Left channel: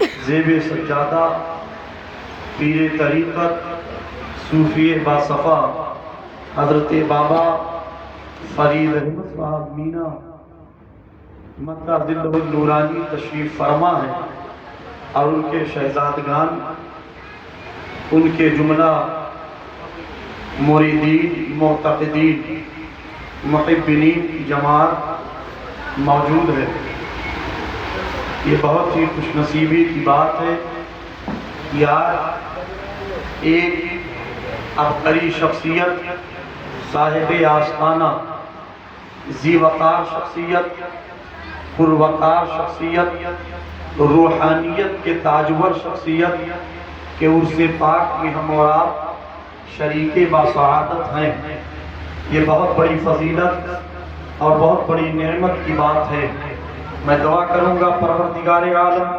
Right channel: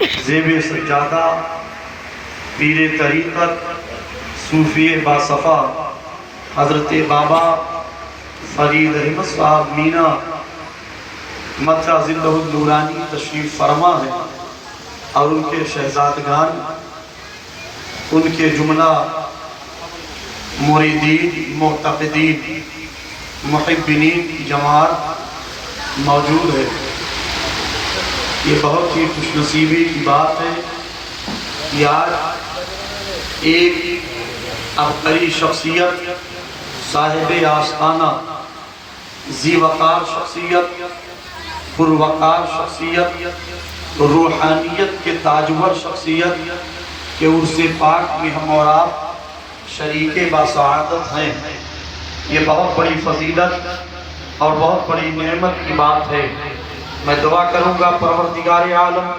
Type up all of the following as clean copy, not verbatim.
زیب سجادہ پیر طریقت صوفی باصفا حضرت بابا فرید احمد صاحب مینا مطرح زندہ النورانی تشریف فرما ہے، اور ان کے شہزادگان، ان کے جملہ مریدین، معتقدین، محبین کی جماعت موجود ہے۔ یہ بہت ہی خوش نصیبی کی بات ہے کہ آج ایک عبقری شخصیت، صاحب آستانہ، ذی وقار شخصیت، پروقار شخصیت، روحانیت کے تاجور شخصیت کہ عرص پاک میں ہم اور آپ شریک باسعادت ہیں، یہ بہت بڑی فضیلت اور بہت بڑی نعمت کی بات ہے۔ میں دعا کروں گا پروردگار عالم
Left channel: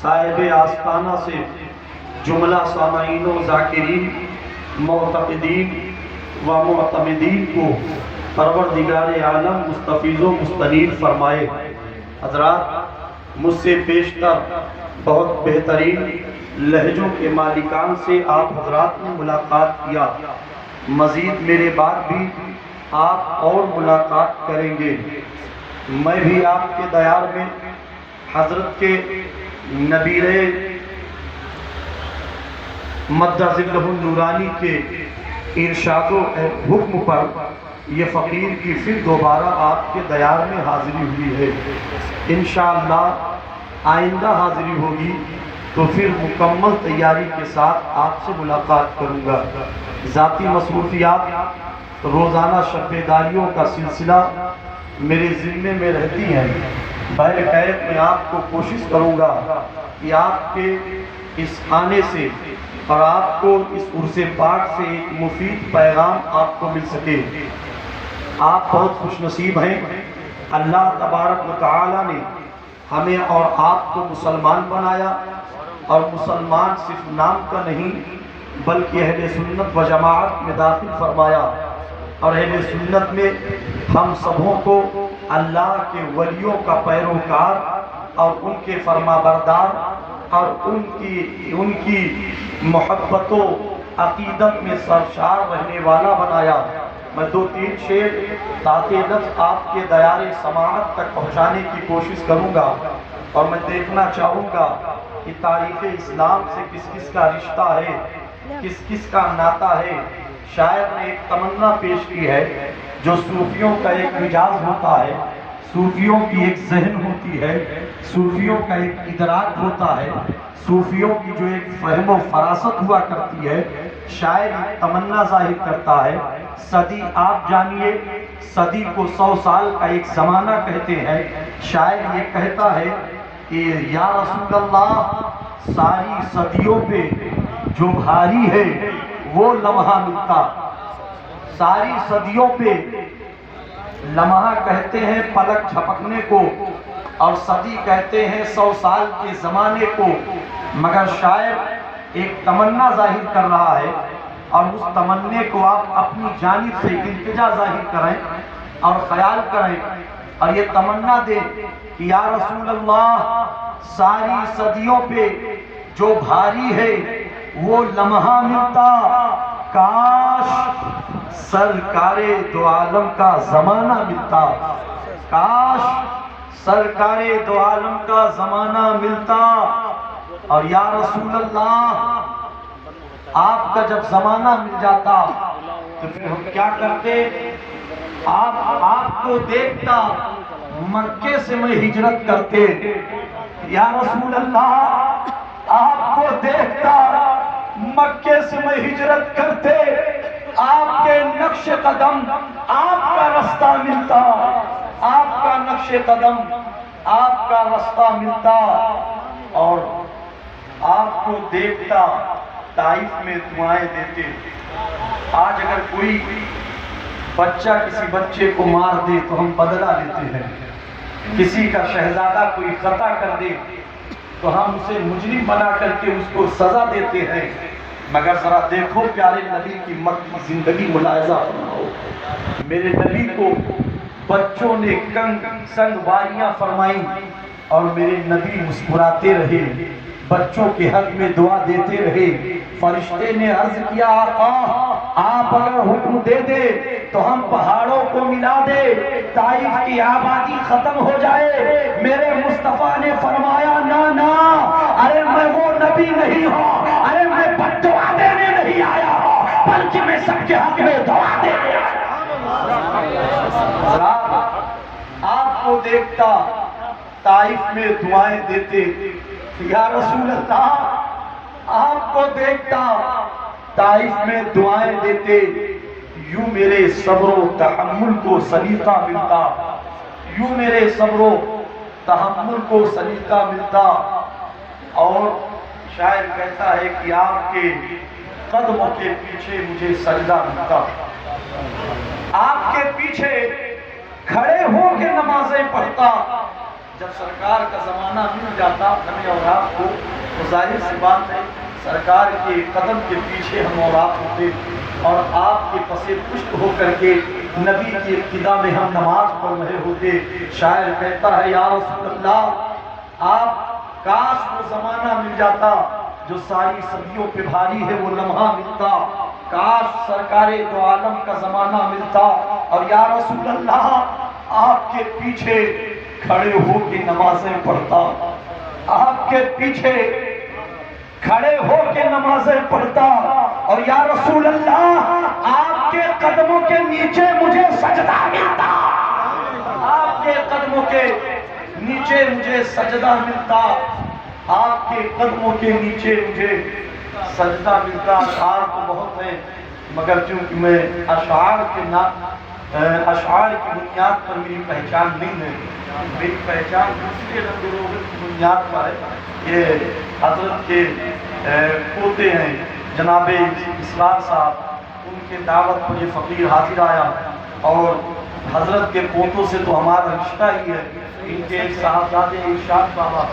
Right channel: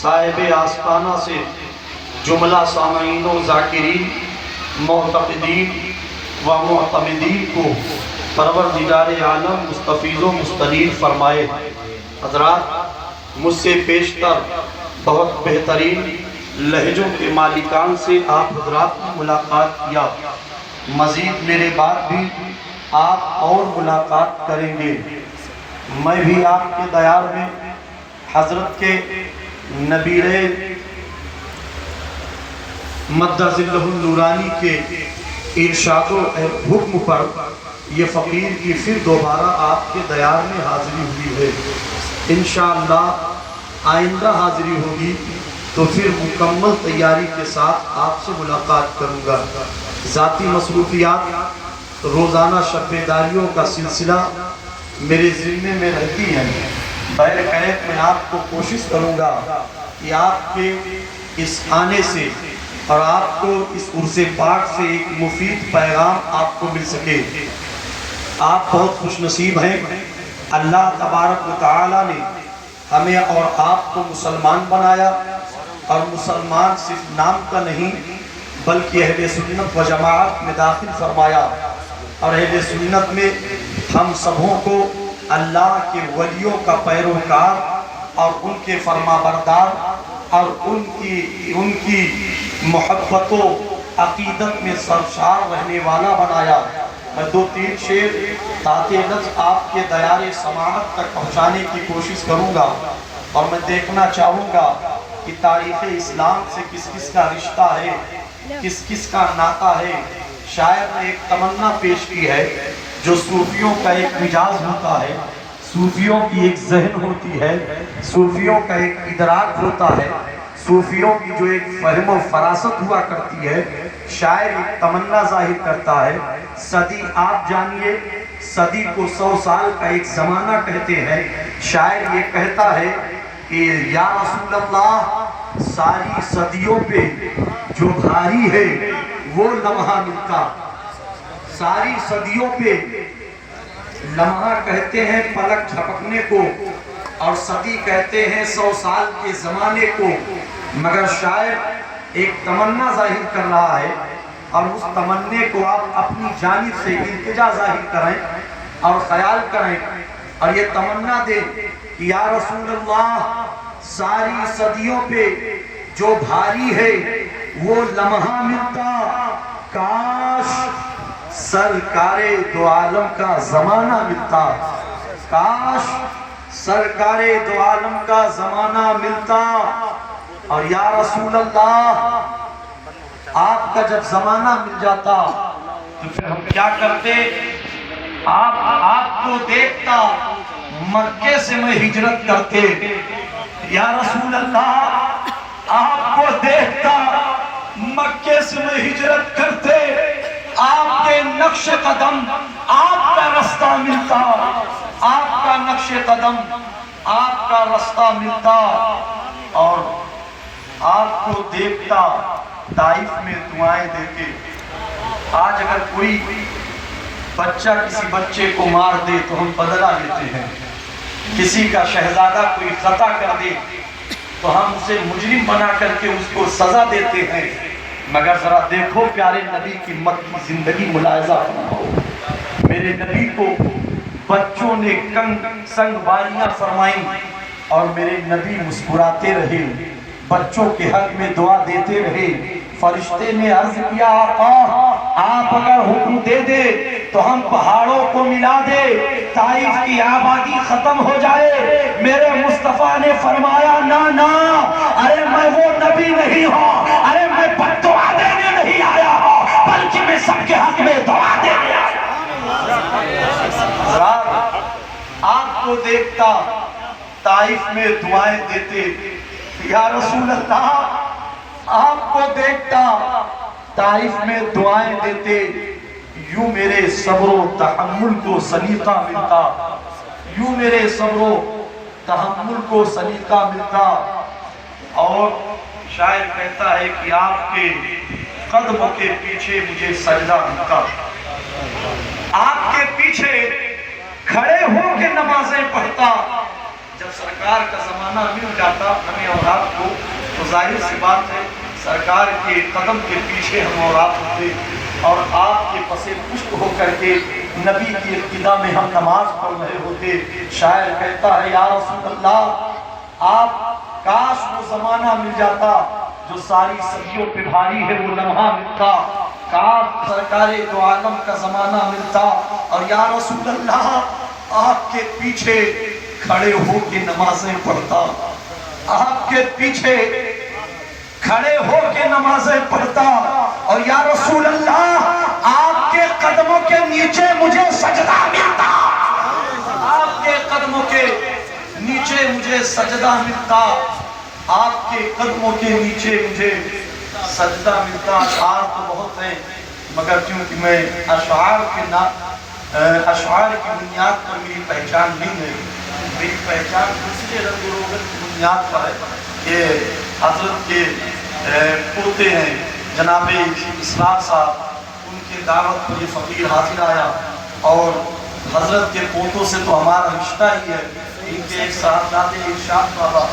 صاحب آستانہ سے جملہ سامعین و ذاکرین، معتقدین و معتمدین کو پروردگار عالم مستفیض و مستنیر فرمائے۔ حضرات، مجھ سے پیشتر بہت بہترین لہجوں کے مالکان سے آپ حضرات نے ملاقات کیا، مزید میرے بعد بھی آپ اور ملاقات کریں گے۔ میں بھی آپ کے دیار میں حضرت کے نبیر مدہ ظلہ النورانی کے ارشاد و حکم پر یہ فقیر کی پھر دوبارہ آپ کے دیار میں حاضری ہوئی ہے۔ انشاءاللہ آئندہ حاضری ہوگی تو پھر مکمل تیاری کے ساتھ آپ سے ملاقات کروں گا۔ ذاتی مصروفیات، روزانہ شب بیداریوں کا سلسلہ میرے ذمے میں رہتی ہیں۔ بہر کیف میں آپ کو کوشش کروں گا کہ آپ کے اس آنے سے اور آپ کو اس عرص پاک سے ایک مفید پیغام آپ کو مل سکے۔ آپ بہت خوش نصیب ہیں، اللہ تبارک و تعالی نے ہمیں اور آپ کو مسلمان بنایا، اور مسلمان صرف نام کا نہیں بلکہ اہل سنت و جماعت میں داخل فرمایا، اور اہل سنت میں ہم سبوں کو اللہ کے ولیوں کا پیروکار اور ان کے فرما بردار اور ان کی محبت و عقیدت میں سرشار رہنے والا بنایا۔ میں دو تین شعر تاکہ لفظ آپ کے دیار سماعت تک پہنچانے کی کوشش کروں گا، اور میں دیکھنا چاہوں گا کہ تاریخ اسلام سے کس کس کا رشتہ ہے، کس کس کا ناطہ ہے۔ شاعر نے ایک تمنا پیش کی ہے جو صوفیوں کا ایک مجاز ہوتا ہے، صوفیوں کی ایک ذہن ہوتی ہے، صوفیوں کا ایک ادراک ہوتا ہے، صوفیوں کی جو ایک فہم و فراست ہوا کرتی ہے۔ شاعر ایک تمنا ظاہر کرتا ہے، صدی آپ جانیے، صدی کو 100 سال کا ایک زمانہ کہتے ہیں۔ شاعر یہ کہتا ہے کہ یا رسول اللہ، ساری صدیوں پہ جو بھاری ہے وہ لمحہ ملتا۔ ساری صدیوں پہ لمحہ کہتے ہیں پلک جھپکنے کو، اور صدی کہتے ہیں 100 سال کے زمانے کو، مگر شاعر ایک تمنا ظاہر کر رہا ہے، اور اس تمنے کو آپ اپنی جانب سے التجا ظاہر کریں اور خیال کریں، اور یہ تمنا دیں کہ یا رسول اللہ، ساری صدیوں پہ جو بھاری ہے وہ لمحہ ملتا، کاش سرکار دو عالم کا زمانہ ملتا، کاش سرکار دو عالم کا زمانہ ملتا۔ اور یا رسول اللہ، آپ کا جب زمانہ مل جاتا تو پھر ہم کیا کرتے؟ آپ کو دیکھتا، مکے سے میں ہجرت کرتے۔ یا رسول اللہ، آپ کو دیکھتا، مکے سے میں ہجرت کرتے، آپ کے نقش قدم، آپ کا رستہ ملتا، آپ کا نقش قدم، آپ کا رستہ ملتا، اور آپ کو دیکھتا طائف میں دعائیں دیتے۔ آج اگر کوئی بچہ کسی بچے کو مار دے تو ہم بدلہ لیتے ہیں، کسی کا شہزادہ کوئی خطا کر دے تو ہم اسے مجرم بنا کر کے اس کو سزا دیتے ہیں، مگر ذرا دیکھو پیارے نبی کی مکی زندگی ملاحظہ فرماؤ۔ میرے نبی کو بچوں نے سنگ واریاں فرمائیں، اور میرے نبی مسکراتے رہے، بچوں کے حق میں دعا دیتے رہے۔ فرشتے نے عرض کیا آقا آپ اگر حکم دے دے تو ہم پہاڑوں کو ملا دے، طائف کی آبادی ختم ہو جائے۔ میرے مصطفیٰ نے فرمایا نا نا، ارے میں وہ نبی نہیں ہوں، ارے میں بد دعا دینے نہیں آیا ہوں، بلکہ میں سب کے حق میں دعا دینے آیا ہوں۔ آپ کو دیکھتا طائف میں دعائیں دیتے، یا رسول اللہ آپ کو دیکھتا طائف میں دعائیں دیتے، یوں میرے صبر و تحمل کو سلیقہ ملتا، یوں میرے صبر و تحمل کو سلیقہ ملتا۔ اور شاعر کہتا ہے کہ آپ کے قدموں کے پیچھے مجھے سجدہ ملتا، آپ کے پیچھے کھڑے ہو کے نمازیں پڑھتا۔ جب سرکار کا زمانہ مل جاتا ہمیں اور آپ کو تو ظاہر سی بات ہے سرکار کے قدم کے پیچھے ہم اور آپ ہوتے، اور آپ کے پسے پشت ہو کر کے نبی کی ابتدا میں ہم نماز پڑھ رہے ہوتے۔ شاعر کہتا ہے یا رسول اللہ آپ کاش وہ زمانہ مل جاتا جو ساری صدیوں پہ بھاری ہے، وہ لمحہ ملتا، کاش سرکار دو عالم کا زمانہ ملتا، اور یا رسول اللہ آپ کے پیچھے کھڑے ہو کے نمازیں پڑھتا، آپ کے پیچھے کھڑے ہو کے نمازیں پڑھتا، اور یا رسول اللہ آپ کے قدموں کے نیچے مجھے سجدہ ملتا، آپ کے قدموں کے نیچے مجھے سجدہ ملتا، آپ کے قدموں کے نیچے مجھے سجدہ ملتا۔ اشعار تو بہت ہیں مگر چونکہ میں اشعار اشعار کی بنیاد پر میری پہچان نہیں ہے، میری پہچان دوسرے رنگ روغن کی بنیاد پر ہے۔ یہ حضرت کے پوتے ہیں جناب اسرار صاحب، ان کے دعوت پر یہ فقیر حاضر آیا، اور حضرت کے پوتوں سے تو ہمارا رشتہ ہی ہے۔ ان کے ایک صاحبزادے ارشاد بابا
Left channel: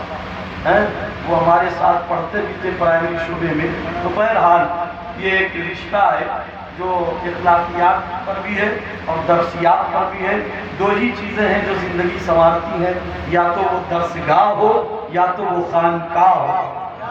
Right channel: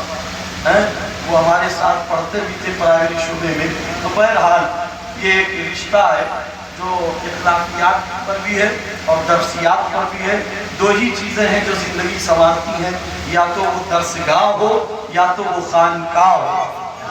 ہیں، وہ ہمارے ساتھ پڑھتے بھی تھے پرائمری شعبے میں۔ تو بہرحال یہ ایک رشتہ ہے جو اخلاقیات پر بھی ہے اور درسیات پر بھی ہے۔ دو ہی چیزیں ہیں جو زندگی سنوارتی ہیں، یا تو وہ درسگاہ ہو یا تو وہ خانقاہ ہو،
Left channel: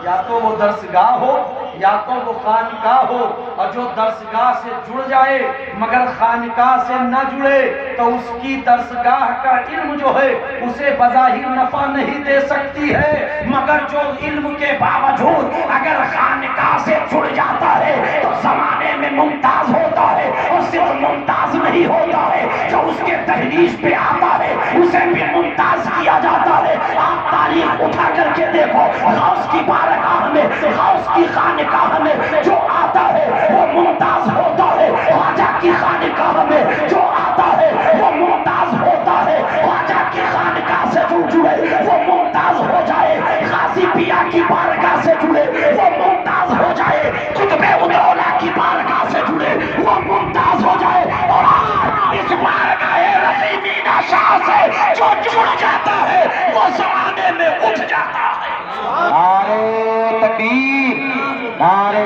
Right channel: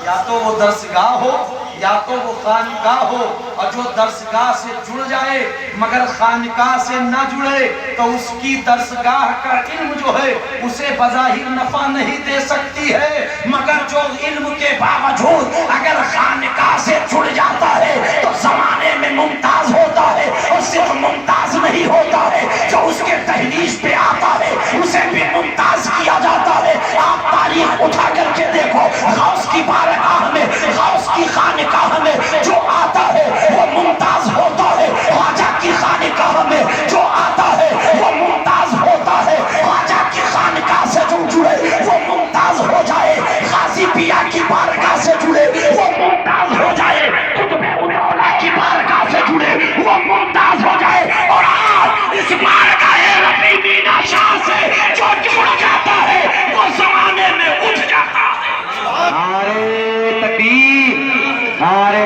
یا تو وہ درسگاہ ہو یا تو وہ خانقاہ ہو۔ اور جو درسگاہ سے جڑ جائے مگر خانقاہ سے نہ جڑے تو اس کی درسگاہ کا علم جو ہے اسے بظاہر نفع نہیں دے سکتی ہے، مگر جو علم کے باوجود اگر خانقاہ سے جڑ جاتا ہے تو زمانے میں ممتاز ہوتا ہے، اور صرف ممتاز نہیں ہوتا ہے، جو اس کے تحریش پہ آتا ہے اسے بھی ممتاز کیا جاتا ہے۔ آپ تاریخ اٹھا کر کے دیکھو، غوث کی بارگاہ میں، غوث کی خانقاہ میں جو آتا ہے وہ ممتاز ہوتا ہے، خواجہ کی خانقاہ میں جو آتا ہے وہ ممتاز ہوتا ہے، خواجہ کی خانقاہ سے جو جڑے وہ ممتاز ہو جائے، غازی پیا کی بارگاہ سے جڑے وہ ممتاز ہو جائے، قطب الدولہ کی بارگاہ سے جڑے وہ ممتاز ہو جائے۔ اور آج اس بارگاہ رفیع مینا شاہ سے جو جڑ جاتا ہے وہ زمانے میں اٹھ جاتا ہے۔ نعرہ تکبیر، نعرہ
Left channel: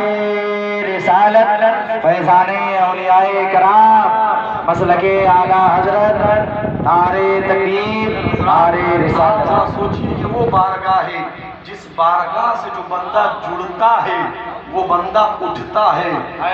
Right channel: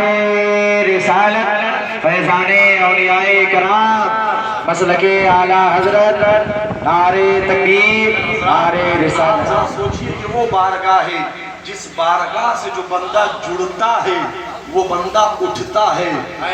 رسالت، فیضان اولیاء کرام، مسلک اعلیٰ حضرت، نعرہ تکبیر، نعرہ رسالت۔ سوچئے کہ وہ بارگاہ ہے جس بارگاہ سے جو بندہ جڑتا ہے وہ بندہ اٹھتا ہے،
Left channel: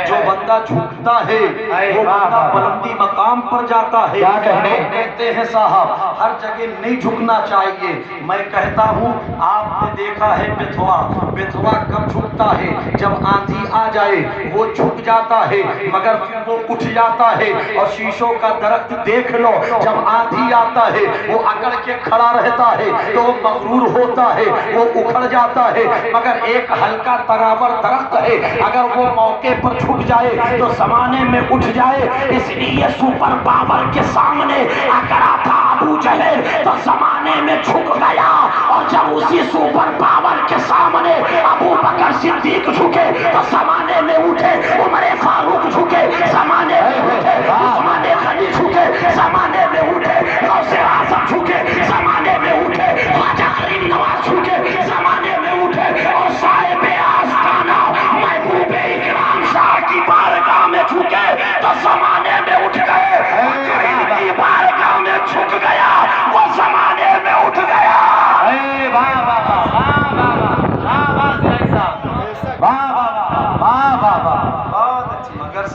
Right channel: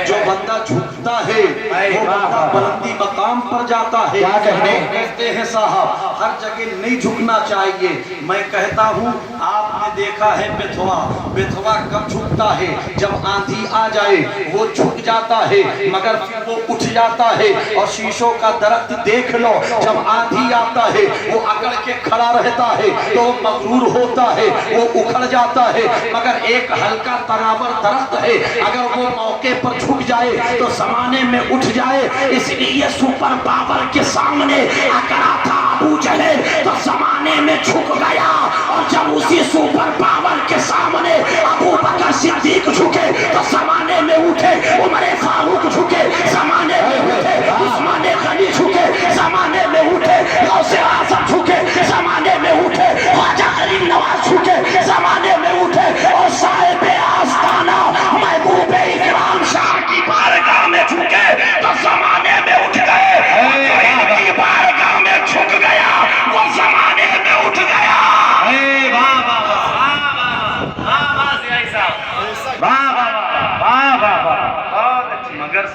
جو بندہ جھکتا ہے وہ بندہ بلندی مقام پر جاتا ہے۔ کیا کہنے کہتے ہیں صاحب ہر جگہ نہیں جھکنا چاہیے، میں کہتا ہوں آپ نے دیکھا ہے بیتھوا، بیتھوا کب جھکتا ہے جب آندھی آ جائے، وہ جھک جاتا ہے مگر پھر وہ اٹھ جاتا ہے۔ اور شیشوں کا درخت دیکھ لو، جب آندھی آتا ہے وہ اکڑ کے کھڑا رہتا ہے تو وہ مغرور ہوتا ہے، وہ اکھڑ جاتا ہے، مگر ایک ہلکا تناور درخت ہے اگر وہ موقع پر جھک جائے تو زمانے میں اٹھ جائے۔ اس لیے سپر پاور کے سامنے اکڑا تھا ابو جہل تو زمانے میں جھک گیا، اور جب اسی سپر پاور کے سامنے ابو بکر صدیق جھکے تو زمانے میں اٹھے، عمر فاروق جھکے زمانے میں اٹھے، عثمان غنی جھکے زمانے میں اٹھے، غوث اعظم جھکے زمانے میں اٹھے، خواجہ غریب نواز جھکے زمانے میں اٹھے، اور صاحب آستانہ محبوب اکرام شاہ کی بارگاہ میں جھکے تو زمانے میں اٹھ گئے، اور جو ان کی بارگاہ میں جھک گیا وہ زمانے میں اٹھ گیا۔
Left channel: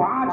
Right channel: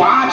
5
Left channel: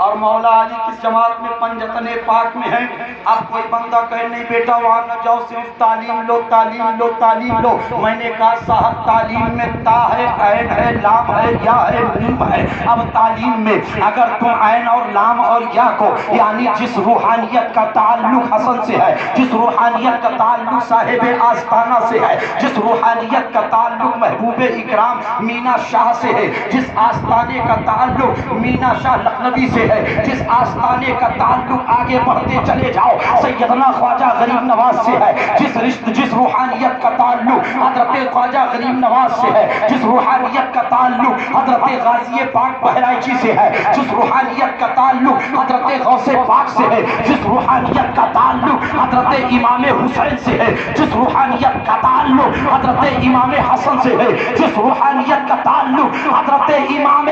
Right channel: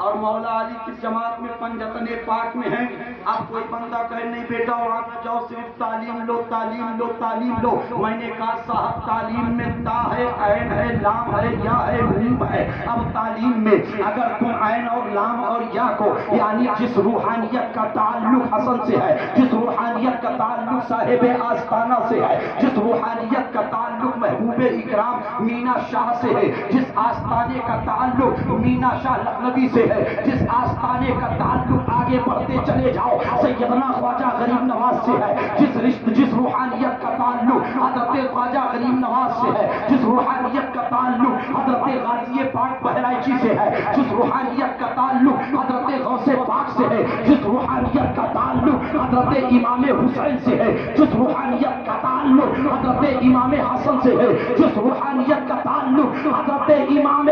اور مولا علی کس جماعت میں؟ پنجتن پاک میں ہیں۔ اب کوئی بندہ کہے نہیں بیٹا وہاں نہ جاؤ، صرف تعلیم لو تعلیم لو تعلیم لو۔ میں نے کہا صاحب تعلیم میں تا ہے، عین ہے، لام ہے، یا ہے، میم ہے۔ اب تعلیم میں اگر تم عین اور لام اور یا کو، یعنی جس روحانیت کا تعلق حسن سے ہے، جس روحانیت کا تعلق صاحب آستانہ سے ہے، جس روحانیت کا تعلق محبوب اکرام مینا شاہ سے ہے، جس آستانے کا تعلق مینا شاہ لکھنوی سے ہے، جس آستانے کا تعلق آگے بڑھتے چلے جاؤ سیدنا خواجہ غریب نواز سے ہے، جس روحانیت کا تعلق حضرت خواجہ غریب نواز سے ہے، جس روحانیت کا تعلق حضرت غازی پاک بہرائچی سے ہے، جس روحانیت کا تعلق حضرت غوث پاک سے ہے، جس روحانیت کا تعلق حضرت امام حسین سے ہے، جس روحانیت کا تعلق حضرت امام حسن سے ہے، جس روحانیت کا تعلق حضرت امام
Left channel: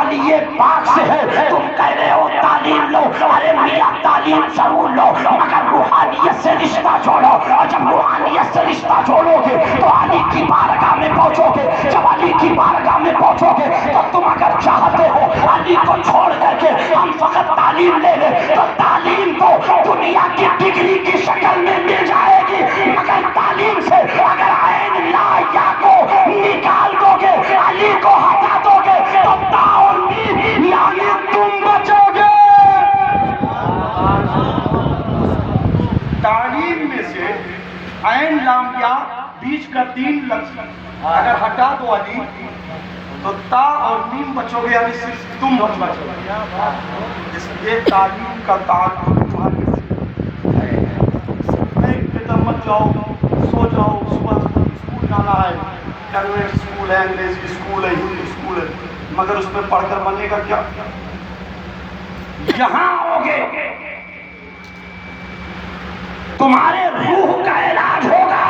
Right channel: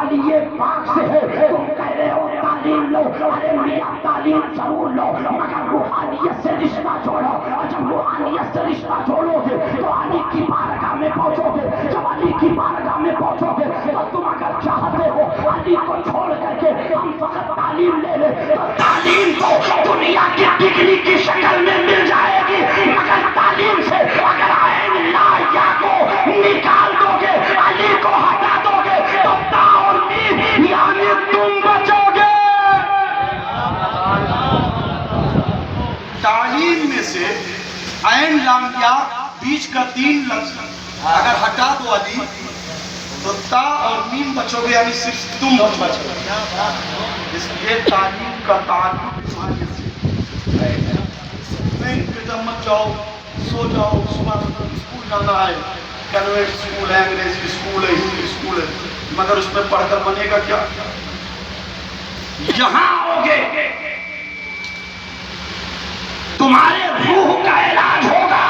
علی پاک سے ہے، تم کہہ رہے ہو تعلیم لو، ارے میاں تعلیم ضرور لو مگر روحانیت سے رشتہ جوڑو، اور جب روحانیت سے رشتہ جوڑو گے تو علی کی بارگاہ میں پہنچو گے، جب علی کی بارگاہ میں پہنچو گے تو تم اگر چاہتے ہو علی کو چھوڑ کر کے ہم فقط تعلیم لے لیں تو تعلیم تو دنیا کی ڈگری کی شکل میں مل جائے گی، مگر تعلیم سے اگر عین لا یا کو نکال دو گے، علی کو ہٹا دو گے تو تا اور میم یعنی تم بچو گے۔ تعلیم میں سے عین لام یا بیچ کا تین لفظ اگر ہٹا دو علی تو تا اور میم بچو گے، یعنی صرف تم بچو گے۔ اس لیے تعلیم کا تعلق نہیں بیٹا مت جاؤ، سو جاؤ، صبح اسکول جانا ہے، کنوینٹ اسکول ہے، انگریزی اسکول ہے، ہندی اسکول ہے، مگر اس میں پڑھ کر بنے گا کیا؟ یہاں ہوگے تمہارے روح کا علاج ہوگا،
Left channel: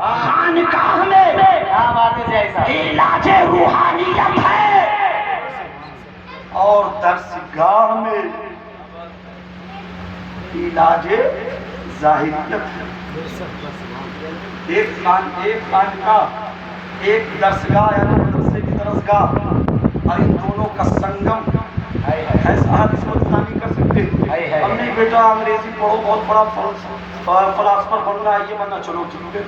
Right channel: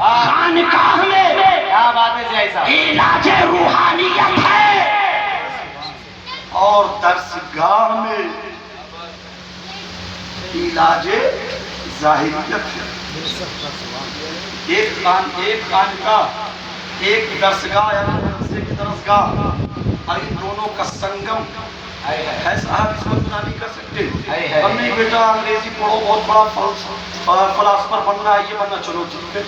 خانقاہ میں علاج روحانیت ہے اور درسگاہ میں علاج ظاہریت ہے۔ ایک خانقاہ ایک درسگاہ یا مدرسے کی درسگاہ اور ان دونوں کا سنگم ہے صاحب، اس کو اتنا نہیں کر سکتے۔ ہم نہیں بیٹا انگریزی پڑھو بہت بڑا فلاسفر بن رہا ہے، یہ بننا چلو ٹھیک ہے،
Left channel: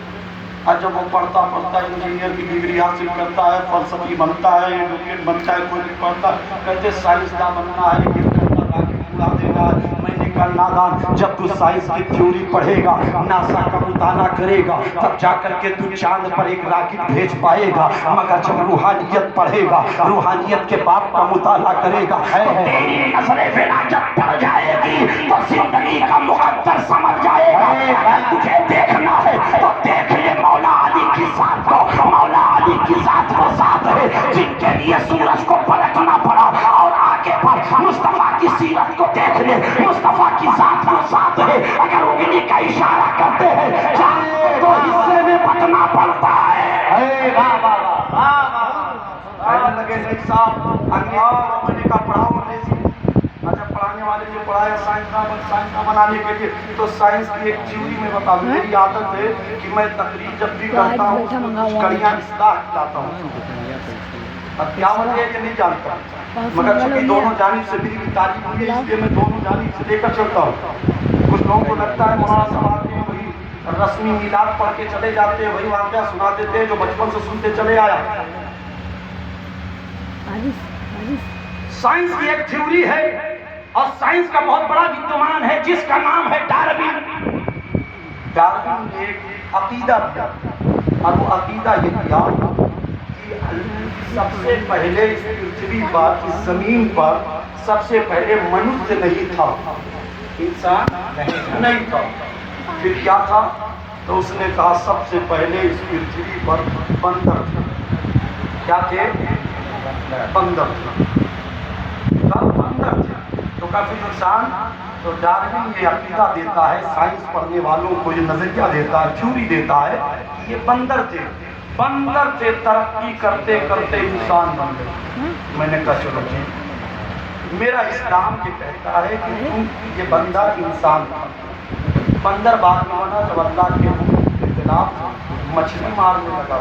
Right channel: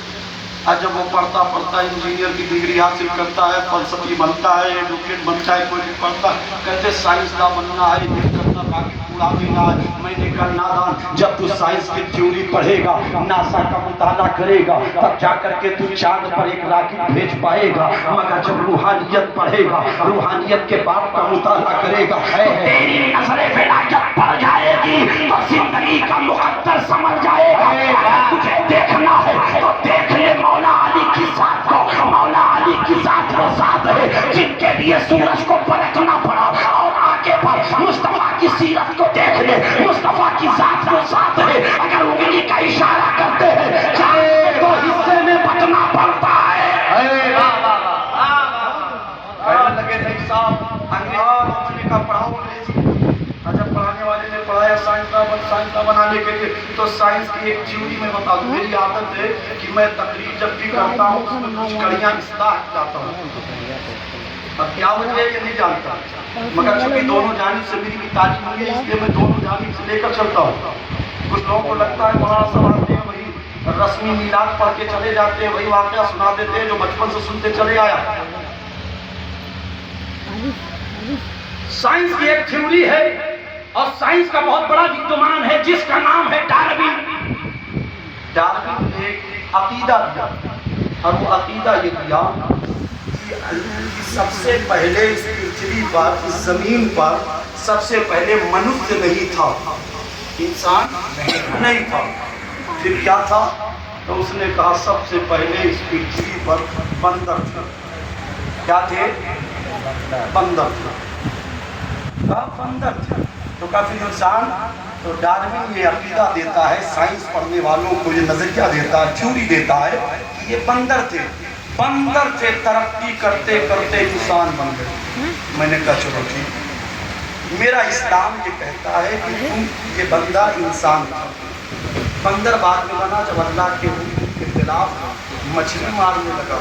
جب وہ پڑھتا انجینئر کی ڈگری حاصل کرتا ہے، فلسفی بنتا ہے، ایڈوکیٹ بنتا ہے، کوئی بھی پڑھتا کہتے سائنسداں بننا ہے، یہ کرنا باقی پورا دینا ہے۔ میں نے کہا نادان، جب تو سائنس کی تھیوری پڑھے گا، ناسا کا مطالعہ کرے گا، تب جا کر کے تو چاند پر ایک راکٹ بھیج پائے گا، مگر جب روحانیت پڑھے گا، روحانیت کے باپ کا مطالعہ کرے گا، تیری نظر ولایت پڑ جائے گی تو زندگی کا مقدر سمجھ جائے گا۔ تجھے دیکھنا ہے تو دیکھ لے مولا علی کی ذات کو، مولا علی کی ذات وہ ذات ہے جن کے لیے سورج کو پلٹنا پڑا، اور آگے پر مصطفیٰ کی سیرت کو دیکھ لے، مصطفیٰ کی ذات وہ ذات ہے اگر انگلی کا اشارہ کرتے ہیں چاہے تو حصے میں بٹنا پڑتا ہے۔ کہنے لگے نہیں صاحب انگریزی میں نے کہا پڑھاؤ انگریزی، جب پڑھانے والے نے پڑھایا سائنسداں بنانے کے لیے تو سائنس کی ایک تھیوری میں بتا دوں، میری عادت ہے کہ میں تقریر جب بھی کرتا ہوں اس میں کچھ کڑیاں اصلاح لاتا ہوں، اب کیا وجہ ہے یہ نہیں جانتا، مگر چونکہ دونوں جانب سے میری تعلیم ہوئی ہے اس لیے میں دونوں جانب سے لے کر چلتا ہوں۔ کچھ لوگوں کو لگتا ہے مولانا صاحب آتے ہیں وہی رسمی میلاد پڑھ کے چلے جاتے ہیں، وہی واقعہ سنا دیتے ہیں جو بچپن سے سنتے چلے آیا۔ سائنس کی ایک تھیوری ہے اور سائنس کا بہت بڑا وِدوان ہے جس کا نام ہے ڈاروین۔ ڈاروین نے ایک عقیدہ دیا اور وہ عقیدہ یہ دیا کہ سب سے پہلے اس پرتھوی پر، اس زمین پر سب سے پہلے منوشیہ نہیں تھا، انسان نہیں تھا، پھر کیا تھا؟ تو اس نے کہا سب سے پہلے اس پرتھوی پر بندر تھے۔ کیا تھے؟ بندر تھے۔ کہا بندر تھے تو کہا پھر انسان۔ تو ڈاروین یہ عقیدہ دیتا ہے، سائنس پڑھنے والوں کو یہ نظریہ دیتا ہے، تھیوری دیتا ہے کہ یہ بندر تھے، بندر تھے، ترقی کرتے کرتے انسان بن گئے۔ میں نے کہا چلو ٹھیک، میرا اسلام یہ کہتا ہے کہ تم یہ بندہ انسان تھا، بندر بعد میں بنا جب اللہ کے حکم کے خلاف مچھلی مارنے لگا،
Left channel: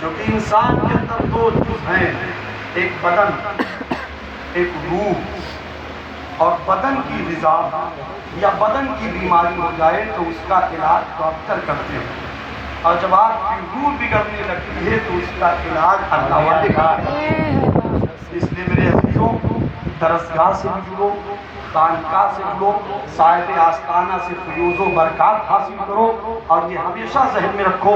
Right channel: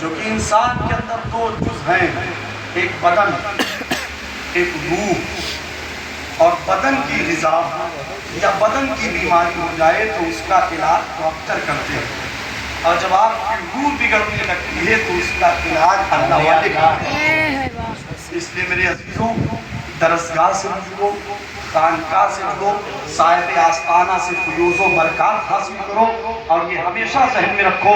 جو کہ انسان کے اندر دو جز ہیں، ایک بدن، ایک روح۔ اور بدن کی غذا یا بدن کی بیماری ہو جائے تو اس کا علاج ڈاکٹر کرتے ہیں، اور جب آپ کی روح بگڑنے لگتی ہے تو اس کا علاج اللہ والے کرتے ہیں۔ اس لیے میرے عزیزوں، درسگاہ سے جڑو، خانقاہ سے جڑو، صاحب آستانہ سے فیوز و برکات حاصل کرو، اور یہ ہمیشہ ذہن میں رکھو،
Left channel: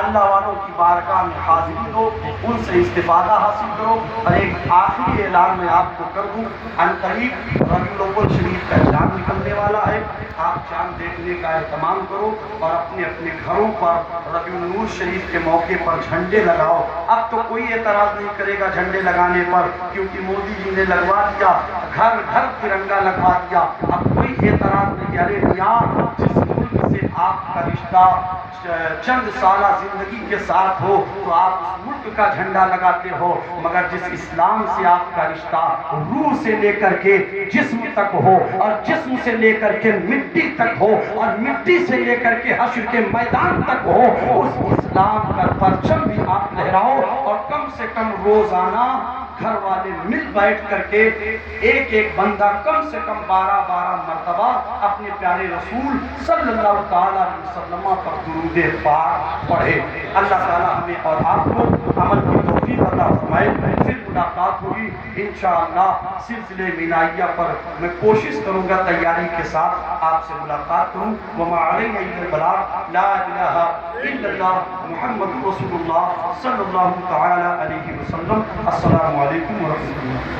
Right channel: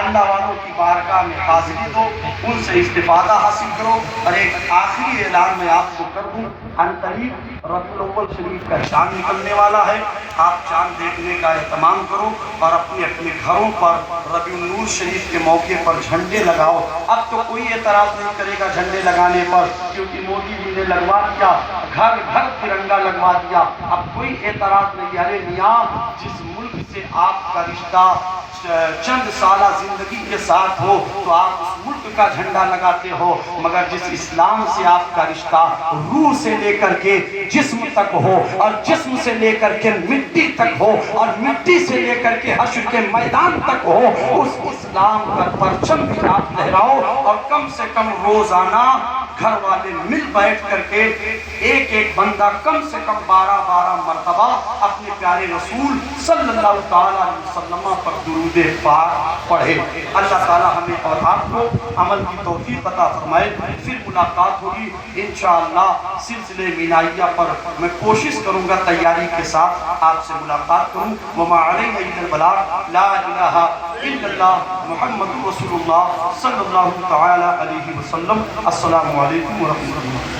اللہ والوں کی بارگاہ میں حاضری دو، ان سے استفادہ حاصل کرو۔ اور ایک آخری اعلان میں آپ کو کر دوں، عنقریب ربیع الاول شریف کا چاند نکلنے والا ہے، آپ چاند دیکھنے کا اہتمام کرو اور اپنے اپنے گھروں پر ربیع النور شریف کے موقع پر جھنڈے لگاؤ۔ اب تو کوئی اعتراض نہیں کرے گا جھنڈے لگانے پر، کیونکہ مودی جی نے لگوا دیا، گھر گھر ترنگا لگوا دیا، اب کوئی اعتراض نہیں۔ ارے میاں، جس ملک سے آپ کا رشتہ چند سالہ زندگی کے ساتھ ہو تو آپ اس ملک کا جھنڈا لگاتے ہو، مگر جس اسلام سے آپ کا رشتہ روح سے لے کر کے جسم تک ہو، اور جسم سے لے کر کے مٹی تک ہو، اور مٹی سے لے کر کے حشر کے میدان تک ہو، اس اسلام کا پرچم بھی آپ لہراؤ، اور کم سے کم روزانہ گھر والے مل بیٹھ کر کے ایک ایک بندہ کم سے کم 12 مرتبہ اپنے پیارے رسول صلی اللہ تعالیٰ علیہ وسلم پر درود پاک پڑھے۔ اللہ تعالیٰ ہمیں اور آپ کو عمل کی توفیق عطا فرمائے۔ پھر ملاقات ہوگی انشاءاللہ سلسلے مینائیہ پر، میں کوشش کروں گا تیاری کے ساتھ آپ سے ملاقات کروں۔ وما علیہ الا البلاغ، لا الہ الا اللہ محمد رسول اللہ صلی اللہ تعالیٰ علیہ وسلم۔ السلام علیکم ورحمۃ اللہ۔